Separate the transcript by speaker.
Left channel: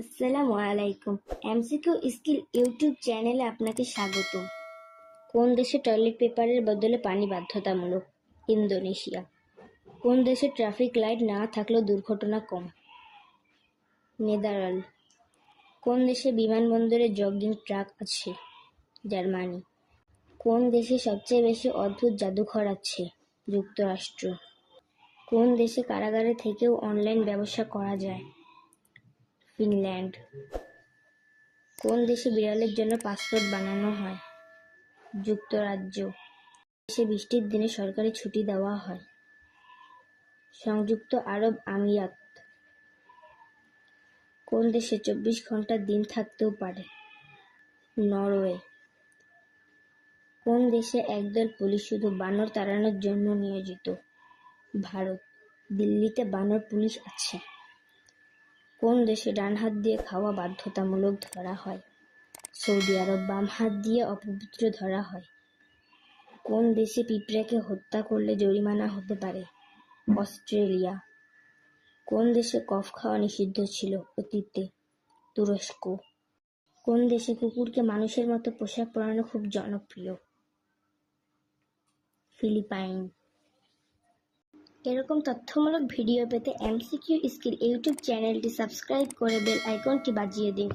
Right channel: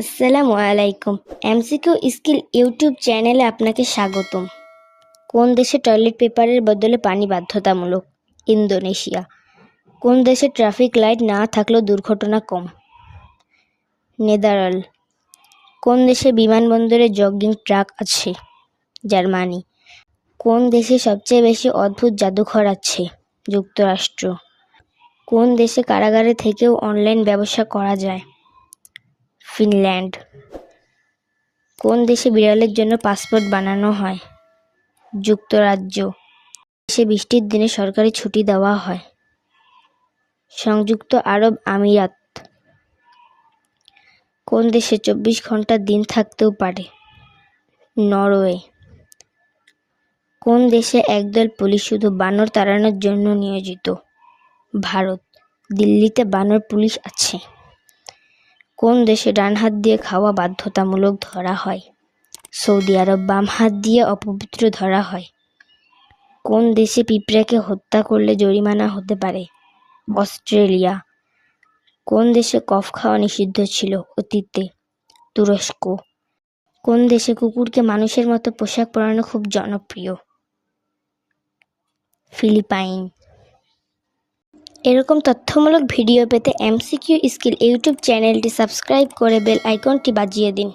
Speaker 1: আসসালামু আলাইকুম। MCQ skill YouTube চ্যানেলে আপনাকে স্বাগতম। কোন দেশে টয়লেট পেপারের বদলে পানি বাধ্যতামূলক? ইন্দোনেশিয়া। কোন দেশে ট্রাফিক লাইট না থাকলেও দুর্ঘটনা কম? নেদারল কোন দেশে বিমানবন্দরে জগিং ট্রাক আছে? জার্মানি। কোন দেশে সবচেয়ে বেশি অদ্ভুত জাদুঘর আছে? যুক্তরাষ্ট্র। কোন দেশে কারাগারে থেকেও অনলাইন ব্যবসা করা যায়? ফিনল্যান্ড। কোন দেশে বিড়ালের জন্য পাসপোর্ট বানানো হয়? যুক্তরাজ্য। দেশে বৃষ্টির দিনে সরকারি ছুটি দেওয়া হয়। সংযুক্ত আরব আমিরাত। কোন দেশে চব্বিশ ঘণ্টা দিন থাকতেও পারে? নরওয়ে। কোন দেশে একদল পুলিশ শুধু বানর তাড়ানোর জন্য নিয়োজিত? ভারত। দিল্লিতে বানর পুলিশ আছে। কোন দেশে ডান হাত দিয়ে খাওয়া বাধ্যতামূলক ধরা হয়? সৌদি আরব বাম হাত দিয়ে অপবিত্র ধরা হয়। কোন দেশে পিঁপড়াকে হত্যা করলে জরিমানা হতে পারে? অস্ট্রেলিয়া। কোন দেশে কফ খাওয়া নিষিদ্ধ ছিল অতীতে? তুরস্ক। কোন দেশে কুকুরকে মানুষের মতো পোশাক পরানো খুব জনপ্রিয়? ফিলিপাইন। এরকম তথ্যমূলক ভিডিও পেতে এমসিকিউ স্কিল ইউটিউব চ্যানেলটি সাবস্ক্রাইব করে বেল আইকনটি বাজিয়ে দিন।